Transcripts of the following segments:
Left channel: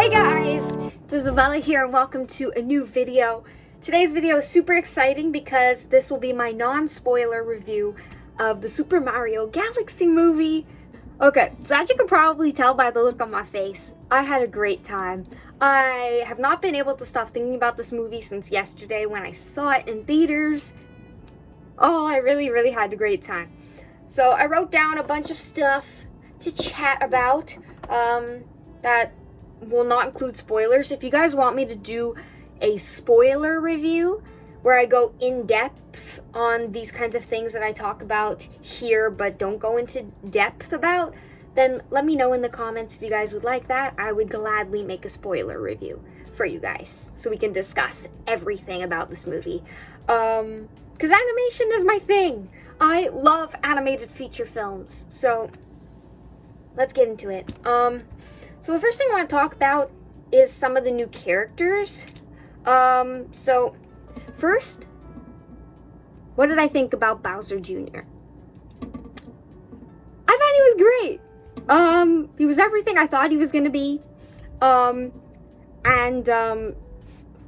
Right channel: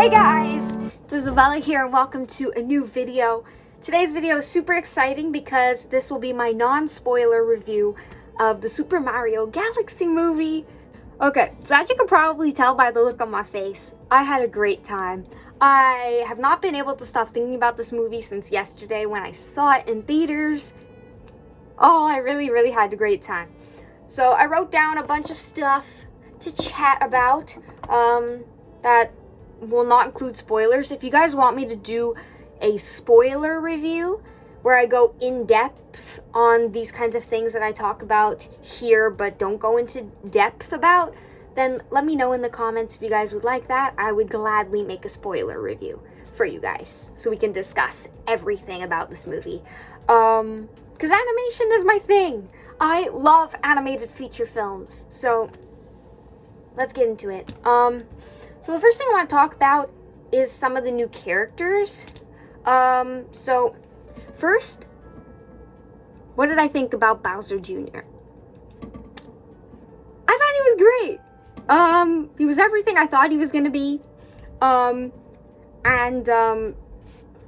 Hey guys, it's Isabella here and welcome to a new video. Today's video is super exciting because this will be my non-spoiler review of the Super Mario Galaxy movie. Okay, so as you can probably tell by the look on my face, I had a great time. I have not been able to stop thinking about this movie since yesterday when I saw it in theaters. Oh, I really had a great time. So I wrote down a bunch of stuff to chat about that will not include spoilers. If you guys want me to do a spoiler review where I go in depth on these kinds of things that I talk about here but don't go into depth about, then let me know in the comments if you guys would like that. I would gladly make a spoiler review for you guys so we can discuss everything about this movie. Because animation is my thing. I love animated feature films. So let's get into it. So the first thing I want to talk about is some of the new characters. So first, what did I think about Bowser Jr.? I thought he was great. He was everything I thought he was gonna be. Yeah,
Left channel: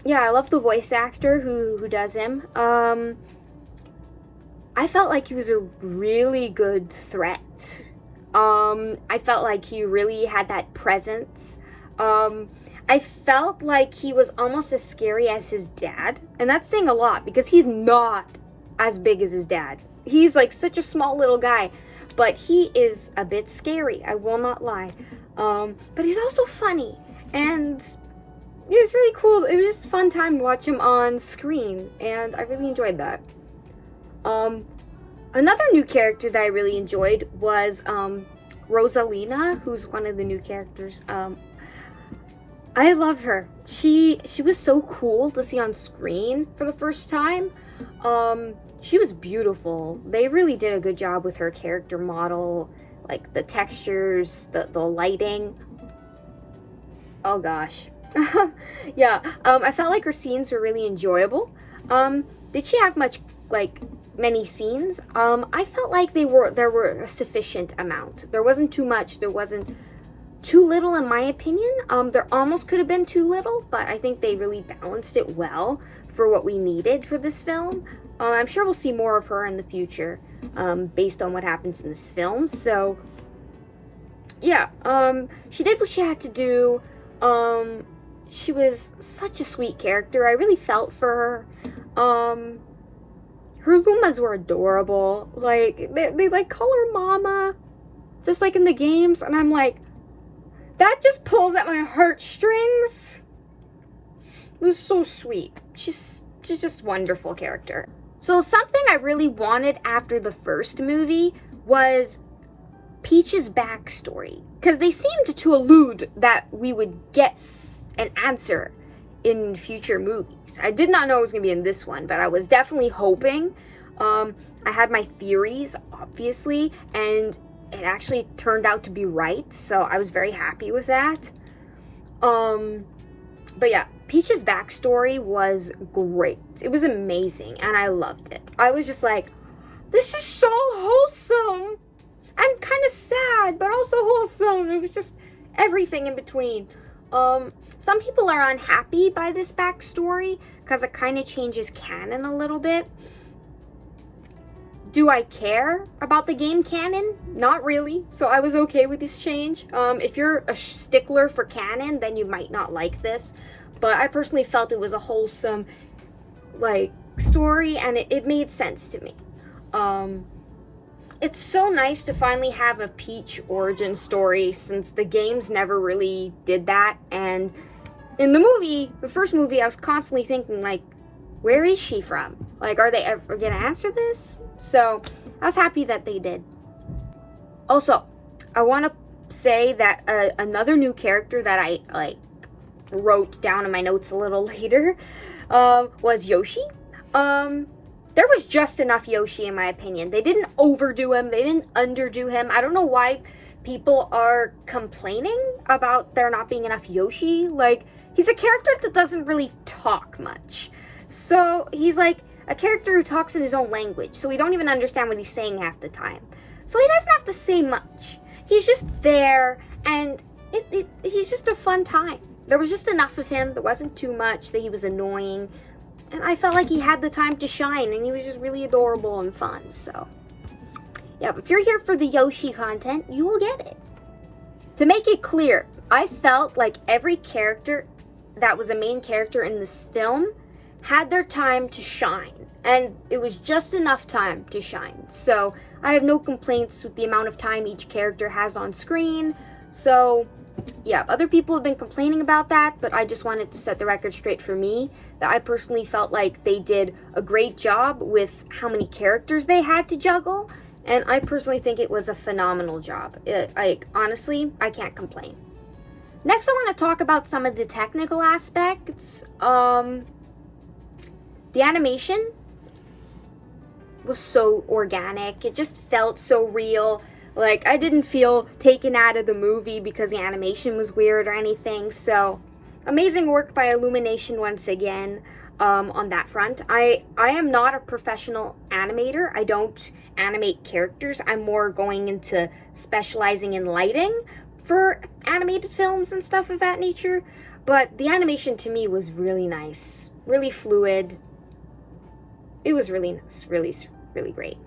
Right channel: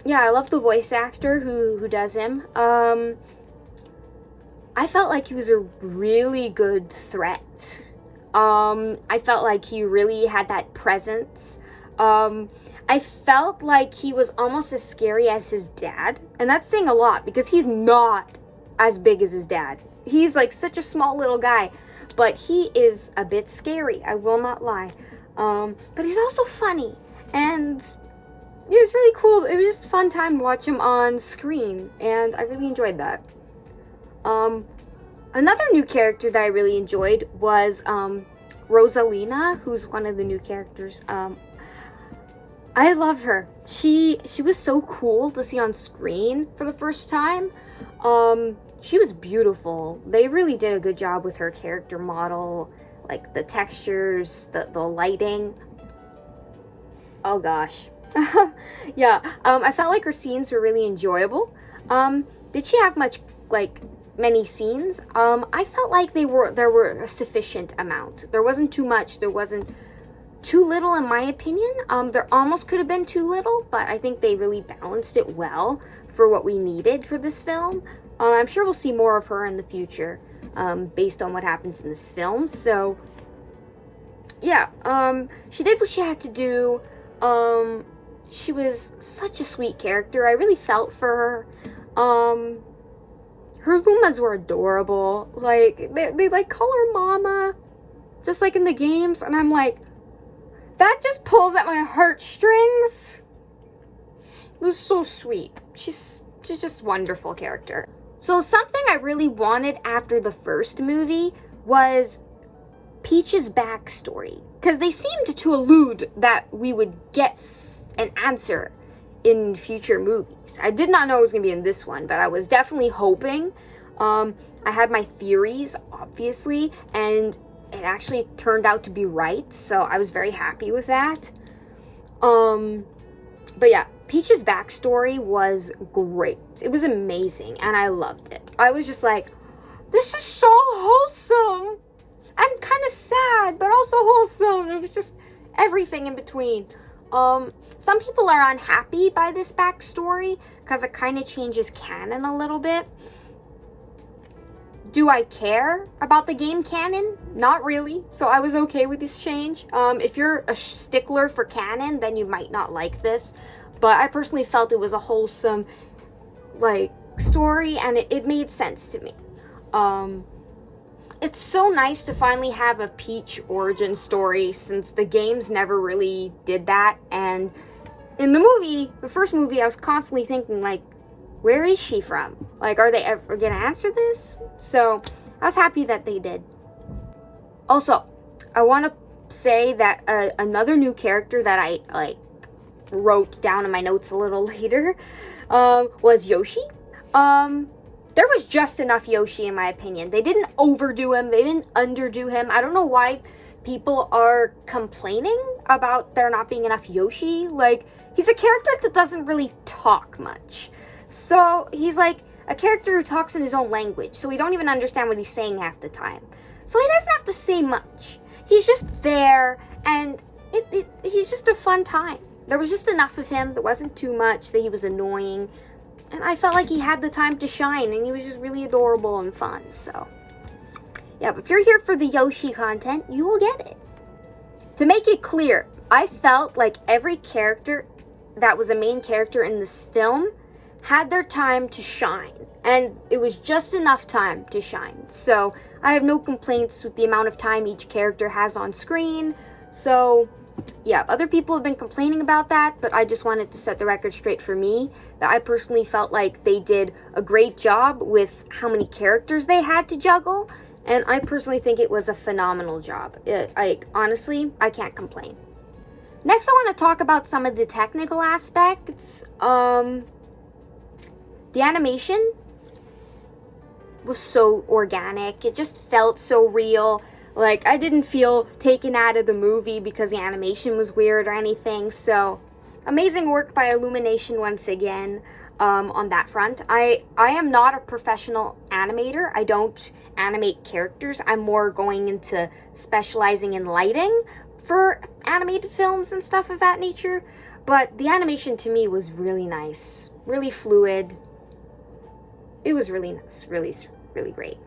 I love the voice actor who does him. I felt like he was a really good threat. I felt like he really had that presence. I felt like he was almost as scary as his dad. And that's saying a lot because he's not as big as his dad. He's like such a small little guy, but he is a bit scary, I will not lie. But he's also funny, and it was really cool. It was just a fun time to watch him on screen, and I really enjoyed that. Another new character that I really enjoyed was Rosalina, who's one of the new characters. I love her. She was so cool to see on screen for the first time. She was beautiful. They really did a good job with her character model, like the textures, the lighting. Oh gosh. Yeah, I felt like her scenes were really enjoyable. Did she have many scenes? I felt like there were a sufficient amount. There wasn't too much, there wasn't too little in my opinion. There almost could have been too little, but I think they really balanced it well for what we needed for this film. I'm sure we'll see more of her in the future, based on what happens in this film. So yeah, she did what she had to do. She was such a sweet character. I really felt for her. Her Lumas were adorable. Like, they like call her Mama, just like in the games. And I'm like, that just pulls at my heartstrings. It was so sweet. She's just a wonderful character. So something I really wanted after the first movie was Peach's backstory. Because they seemed to allude that we would get an answer in future movies. I did not know it was going to be in this one, but I was definitely hoping. I had my theories, obviously, and it actually turned out to be right, so I was very happy with that. But yeah, Peach's backstory was great. It was amazing, and I loved it. I was just like, this is so wholesome, and kind of sad, but also wholesome. It was just everything in between. Some people are unhappy by this backstory because it kind of changes canon a little bit. Do I care about the game canon? Not really. So I was okay with this change. If you're a stickler for canon, then you might not like this. But I personally felt it was a wholesome, story, and it made sense to me. It's so nice to finally have a Peach origin story since the games never really did that. And in the movie, the first movie, I was constantly thinking, where is she from? Are they ever gonna answer this? So I was happy that they did. Also, I want to say that another new character that I wrote down in my notes a little later was Yoshi. There was just enough Yoshi in my opinion. They didn't overdo him. They didn't underdo him. I don't know why people are complaining about there not being enough Yoshi. He's a character that doesn't really talk much. So he's like a character who talks in his own language. So we don't even understand what he's saying half the time. So he doesn't have to say much. He's just there, and he's just a fun time. there was just enough of him. There wasn't too much that he was annoying. And I felt like he had the time to shine, and he was just really adorable and fun. So, yeah, but if you're here for the Yoshi content, you will get it. To make it clear, I felt like every character that was a main character in this film had their time to shine, and it was just enough time to shine. So I have no complaints with the amount of time each character has on screen. So yeah, other people have been complaining about that, but I just wanted to set the record straight for me that I personally felt like they did a great job with how many characters they had to juggle, and I personally think it was a phenomenal job. Honestly, I can't complain. Next, I want to talk about some of the technical aspects. The animation was so organic. It just felt so real. Like, I didn't feel taken out of the movie because the animation was weird or anything. So, amazing work by Illumination once again on that front. I am not a professional animator. I don't animate characters. I'm more going into specializing in lighting for animated films and stuff of that nature. But the animation to me was really nice, really fluid. It was really nice, really, really great.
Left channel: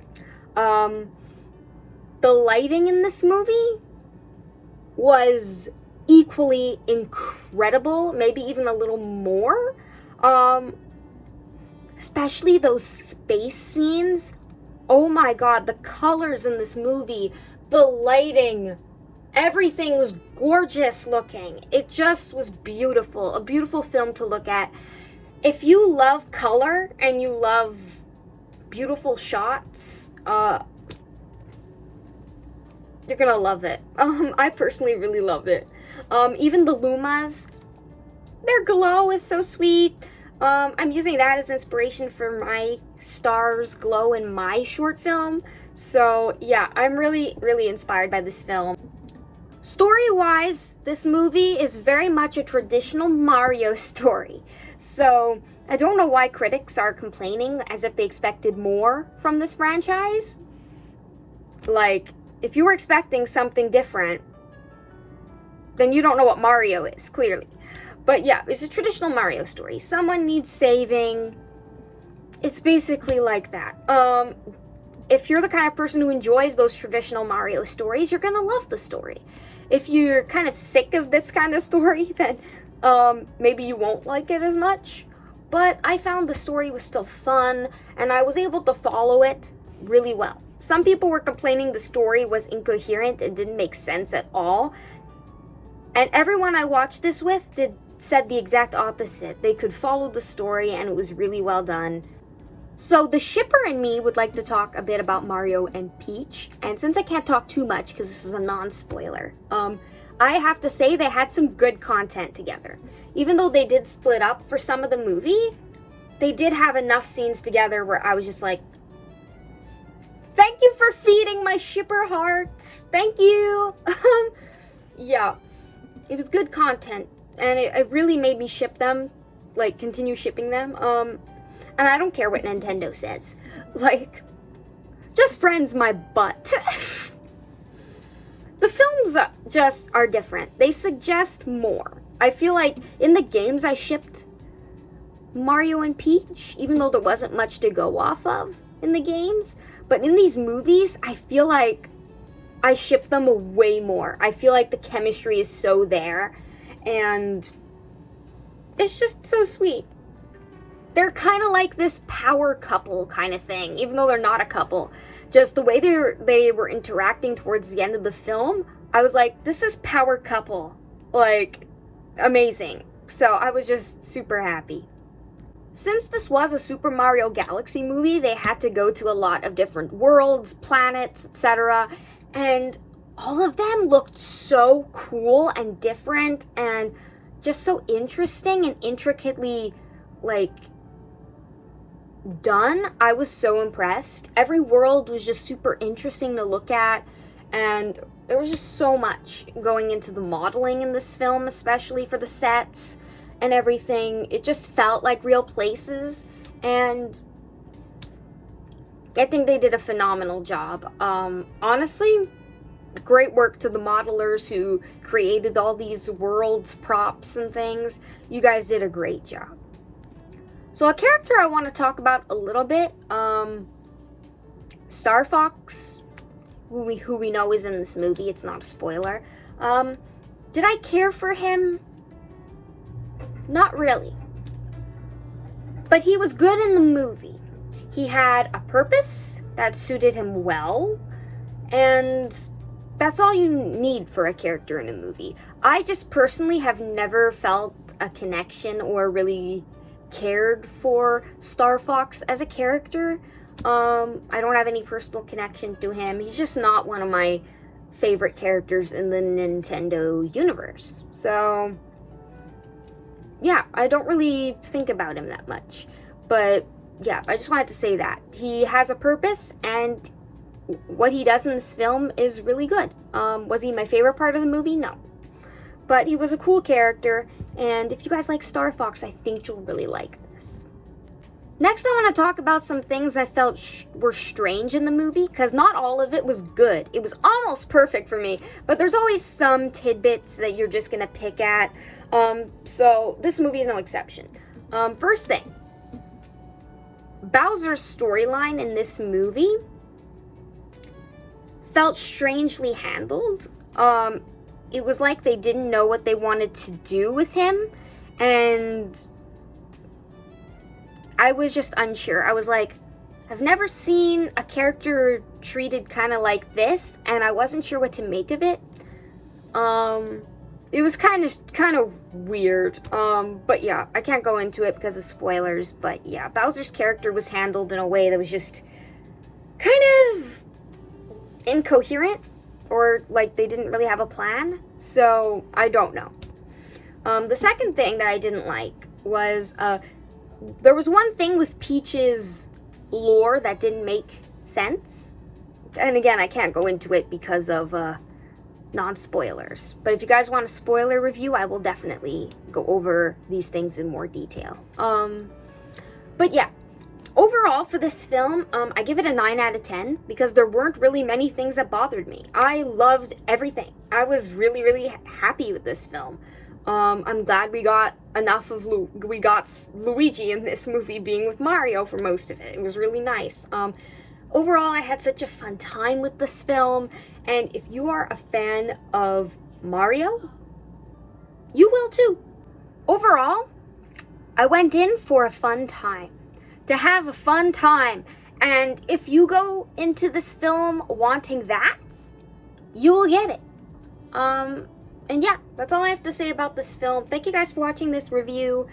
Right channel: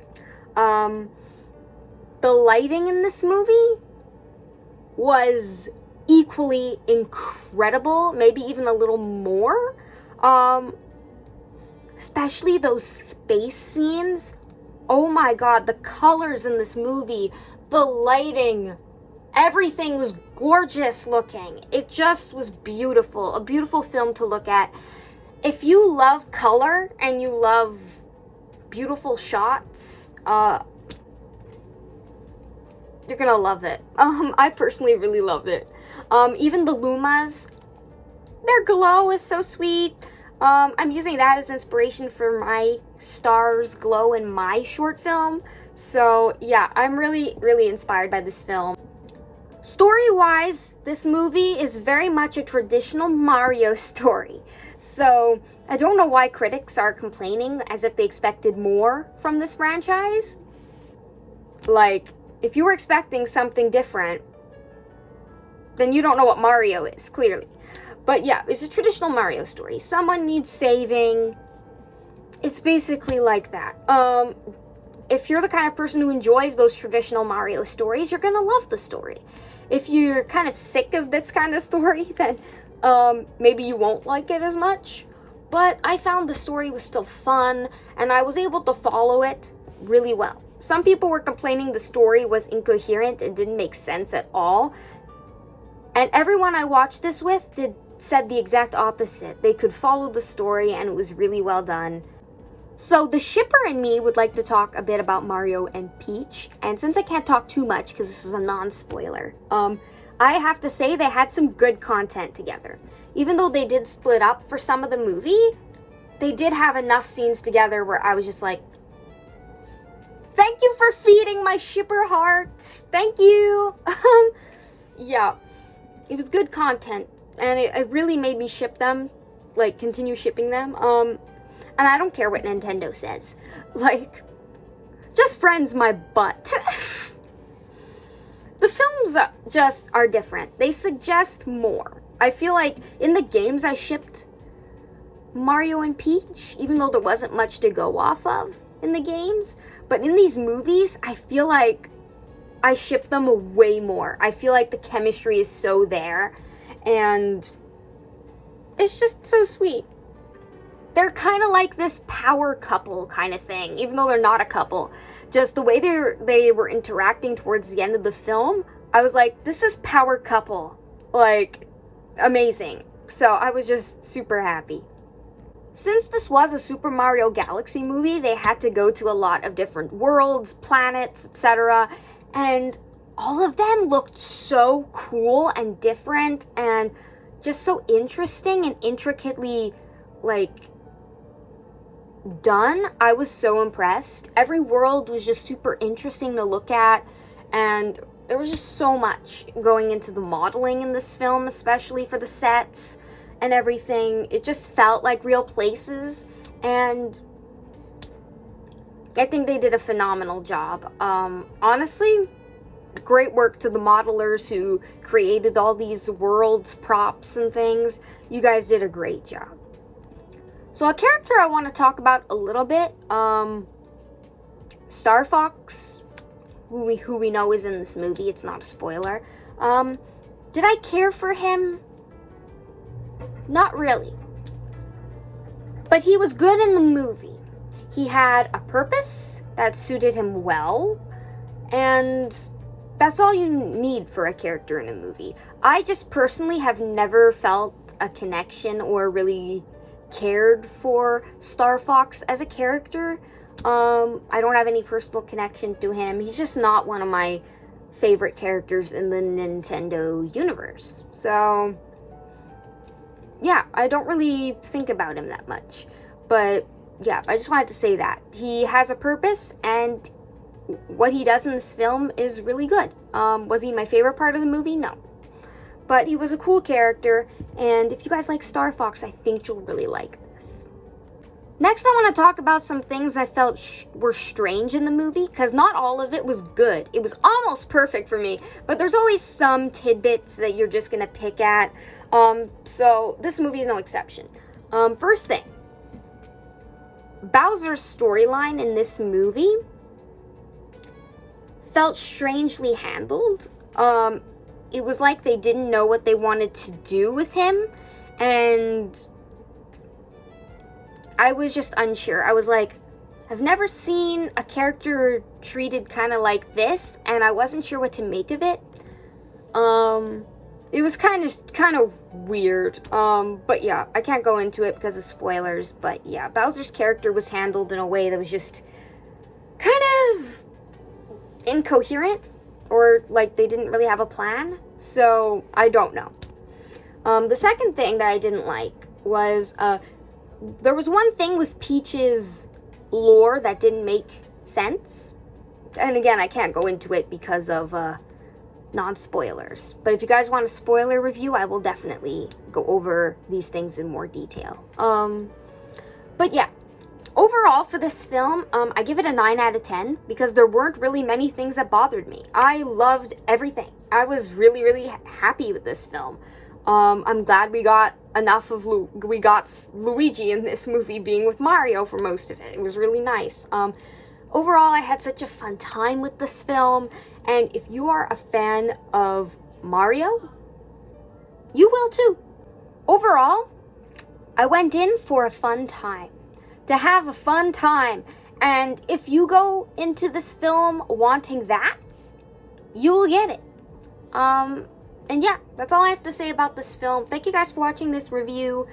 The lighting in this movie was equally incredible, maybe even a little more. Especially those space scenes. Oh my god, the colors in this movie, the lighting, everything was gorgeous looking. It just was beautiful, a beautiful film to look at. If you love color and you love beautiful shots, you're gonna love it. I personally really love it. Even the Lumas, their glow is so sweet. I'm using that as inspiration for my stars glow in my short film. So yeah, I'm really, really inspired by this film. Story-wise, this movie is very much a traditional Mario story. So I don't know why critics are complaining as if they expected more from this franchise. Like, if you were expecting something different, then you don't know what Mario is, clearly. But yeah, it's a traditional Mario story. Someone needs saving. It's basically like that. If you're the kind of person who enjoys those traditional Mario stories, you're gonna love the story. If you're kind of sick of this kind of story, then maybe you won't like it as much. But I found the story was still fun, and I was able to follow it really well. Some people were complaining the story was incoherent and didn't make sense at all. And everyone I watched this with said the exact opposite. They could follow the story, and it was really well done. So the shipper and me would like to talk a bit about Mario and Peach. And since I can't talk too much because this is a non-spoiler, I have to say they had some good content together. Even though they did split up for some of the movie, they did have enough scenes together where I was just like, thank you for feeding my shipper heart. Thank you. Yeah, it was good content. And it really made me ship them, like continue shipping them. And I don't care what Nintendo says. Like, just friends my butt. The films just are different. They suggest more. I feel like in the games I shipped Mario and Peach, even though there wasn't much to go off of in the games. But in these movies, I feel like I ship them way more. I feel like the chemistry is so there. And it's just so sweet. They're kind of like this power couple kind of thing, even though they're not a couple. Just the way they were interacting towards the end of the film, I was like, this is power couple. Like, amazing. So I was just super happy. Since this was a Super Mario Galaxy movie, they had to go to a lot of different worlds, planets, etc. And all of them looked so cool and different and just so interesting and intricately, like, done. I was so impressed. Every world was just super interesting to look at, and there was just so much going into the modeling in this film, especially for the sets and everything. It just felt like real places, and I think they did a phenomenal job. Honestly, great work to the modelers who created all these worlds, props, and things. You guys did a great job. So a character I want to talk about a little bit, Star Fox, who we know is in this movie. It's not a spoiler. Did I care for him? Not really. But he was good in the movie. He had a purpose that suited him well, and that's all you need for a character in a movie. I just personally have never felt a connection or really cared for Star Fox as a character. I don't have any personal connection to him. He's just not one of my favorite characters in the Nintendo universe. So, yeah, I don't really think about him that much. But, yeah, I just wanted to say that. He has a purpose, and what he does in this film is really good. Was he my favorite part of the movie? No. But he was a cool character, and if you guys like Star Fox, I think you'll really like this. Next, I want to talk about some things I felt were strange in the movie, because not all of it was good. It was almost perfect for me, but there's always some tidbits that you're just going to pick at. So this movie is no exception. First thing, Bowser's storyline in this movie felt strangely handled. It was like they didn't know what they wanted to do with him, and I was just unsure. I was like, I've never seen a character treated kind of like this, and I wasn't sure what to make of it. It was kind of weird. But yeah, I can't go into it because of spoilers. But yeah, Bowser's character was handled in a way that was just kind of incoherent, or like they didn't really have a plan. So I don't know. The second thing that I didn't like was there was one thing with Peach's lore that didn't make sense. And again, I can't go into it because of non-spoilers. But if you guys want a spoiler review, I will definitely go over these things in more detail. But yeah, overall for this film, I give it a 9 out of 10 because there weren't really many things that bothered me. I loved everything. I was really, really happy with this film. I'm glad we got enough of Luigi in this movie being with Mario for most of it. It was really nice. Overall, I had such a fun time with this film, and if you are a fan of Mario, you will too. Overall, I went in for a fun time, to have a fun time, and if you go into this film wanting that, you will get it. And yeah, that's all I have to say about this film. Thank you guys for watching this review.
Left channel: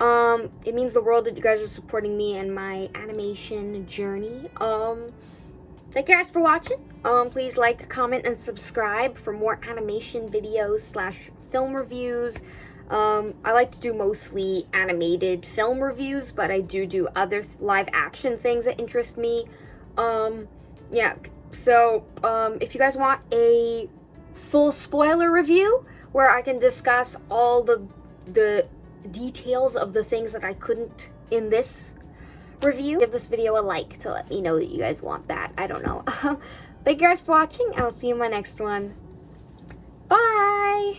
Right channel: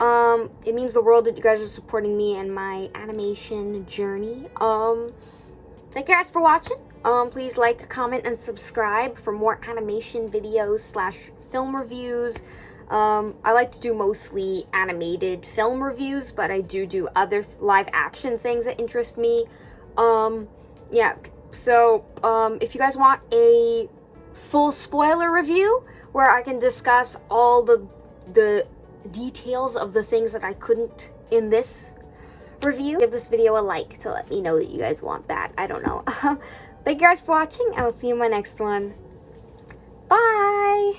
It means the world that you guys are supporting me and my animation journey. Thank you guys for watching. Please like, comment, and subscribe for more animation videos / film reviews. I like to do mostly animated film reviews, but I do other live action things that interest me. Yeah, so if you guys want a full spoiler review where I can discuss all the details of the things that I couldn't in this review, give this video a like to let me know that you guys want that. I don't know. Thank you guys for watching, and I'll see you in my next one. Bye!